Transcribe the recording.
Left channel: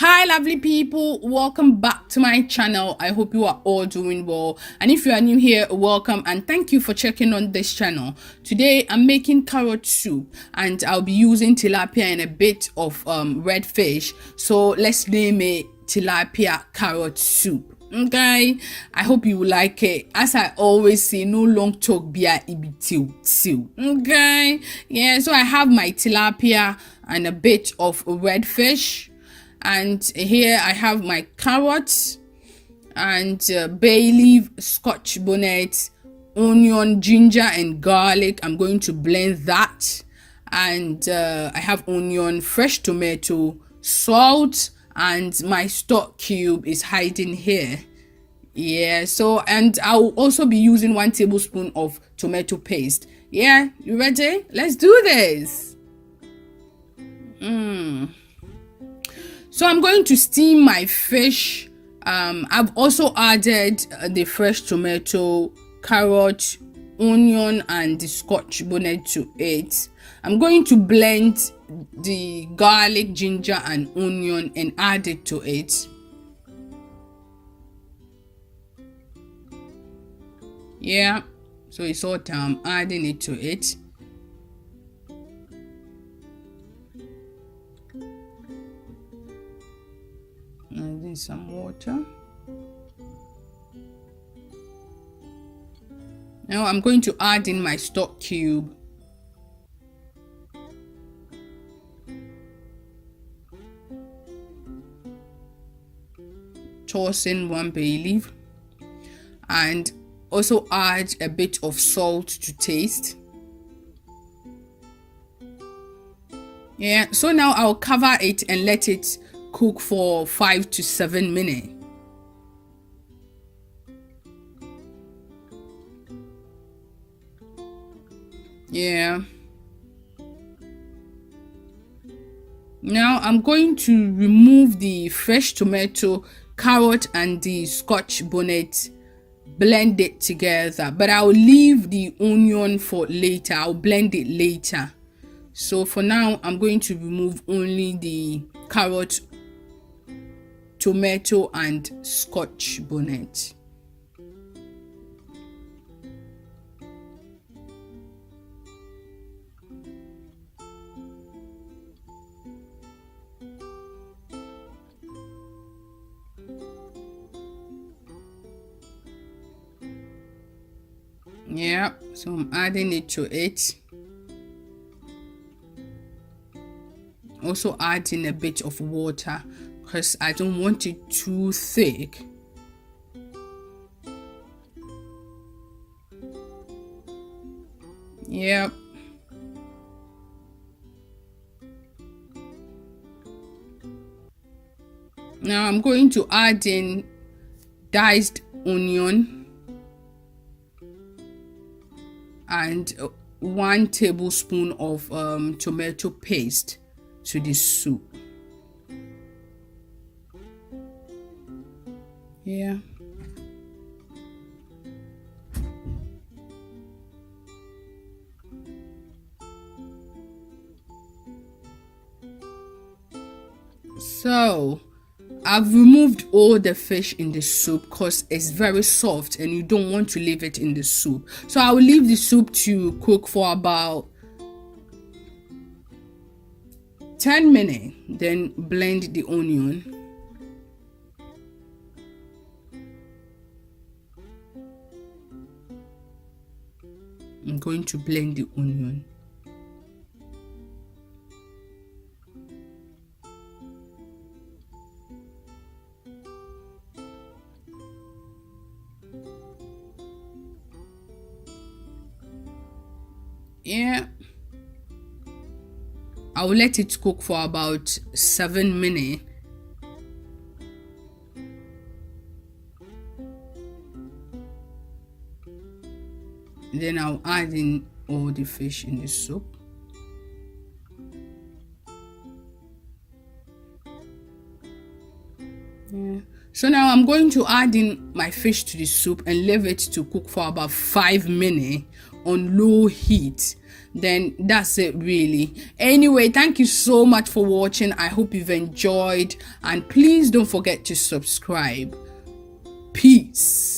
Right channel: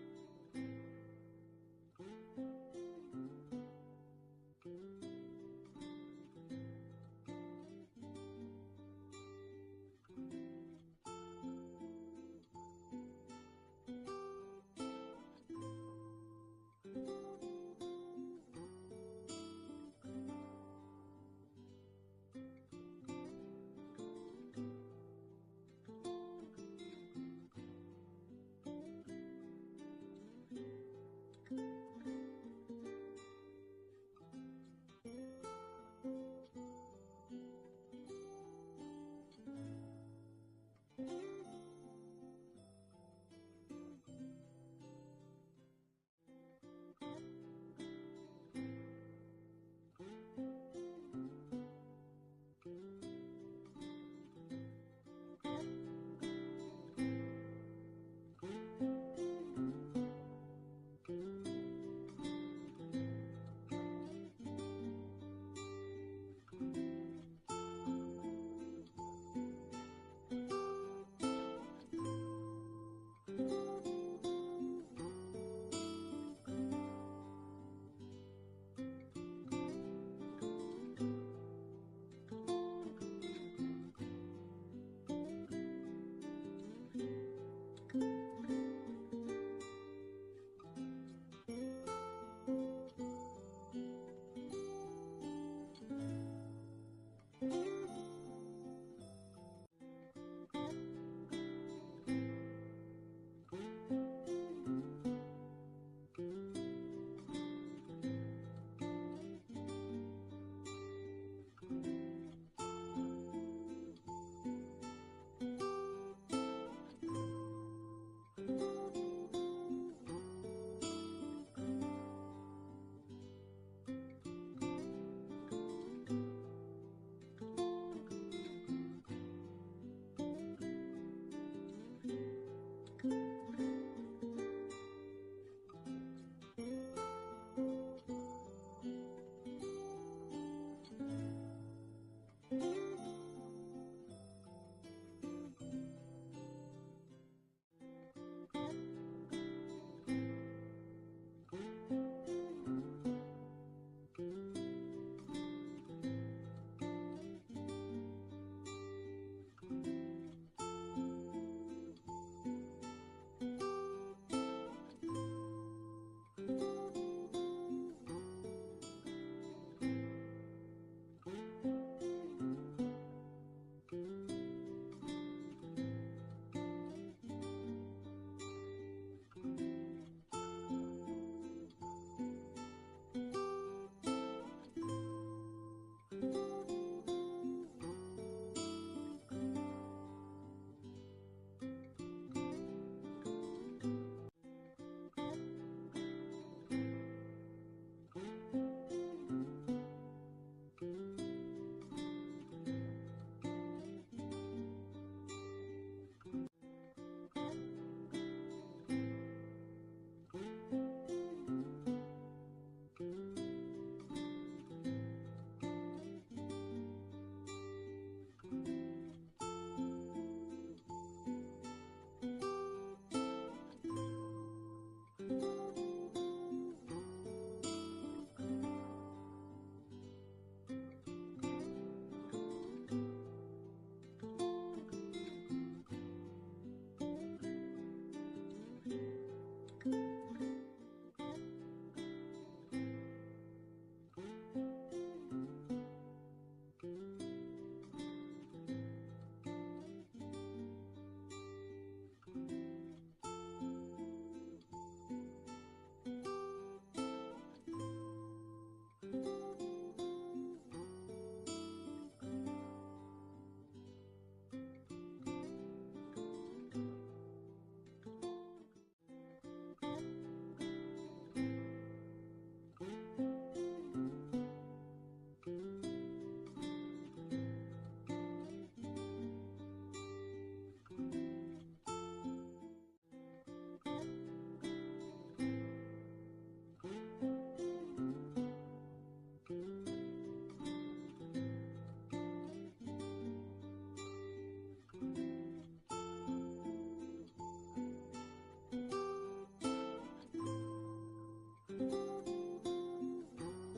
Hi lovely people, welcome back to my channel. I hope you are all doing well, and if you are new here, welcome and thank you for checking on this channel. Today I'm making carrot soup and I'll be using tilapia and a bit of red fish, so let's name it tilapia carrot soup. Okay, I hope you will like it. As I always say, no long talk beer ibitiu. Okay, yeah, so I have my tilapia and a bit of red fish, and here I have my carrots and bay leaf, scotch bonnet, onion, ginger and garlic. I'm going to blend that, and I have onion, fresh tomato, salt, and my stock cube is hiding here. Yeah, so and I'll also be using 1 tablespoon of tomato paste. Yeah, you ready? Let's do this. So I'm going to steam my fish. I've also added the fresh tomato, carrot, onion and the scotch bonnet to it. I'm going to blend the garlic, ginger and onion and add it to it. Yeah, so it's all done. I'm adding it to it. Adding some water. Now I'm going to add in my stock cube. Toss in 1 bay leaf and also add a bit of salt to taste. Yeah, so now I'll cover it and let it cook for 5 to 7 minutes. Yeah. Now I'm going to remove the fresh tomato, carrot and the scotch bonnet, blend it together, but I'll leave the onion for later. I'll blend it later. So for now I'm going to remove only the carrot, tomato and scotch bonnet. Yeah, so I'm adding it to it. Also adding a bit of water because I don't want it too thick. Yep. Now I'm going to add in diced onion and 1 tablespoon of tomato paste to this soup. Yeah. So I've removed all the fish in the soup because it's very soft and you don't want to leave it in the soup. So I will leave the soup to cook for about 10 minutes, then blend the onion. I'm going to blend the onion. Yeah, I will let it cook for about 7 minutes. Then I'll add in all the fish in the soup. Yeah. So now I'm going to add in my fish to the soup and leave it to cook for about 5 minutes on low heat. then that's it really. Anyway, thank you so much for watching. I hope you've enjoyed, and please don't forget to subscribe. Peace.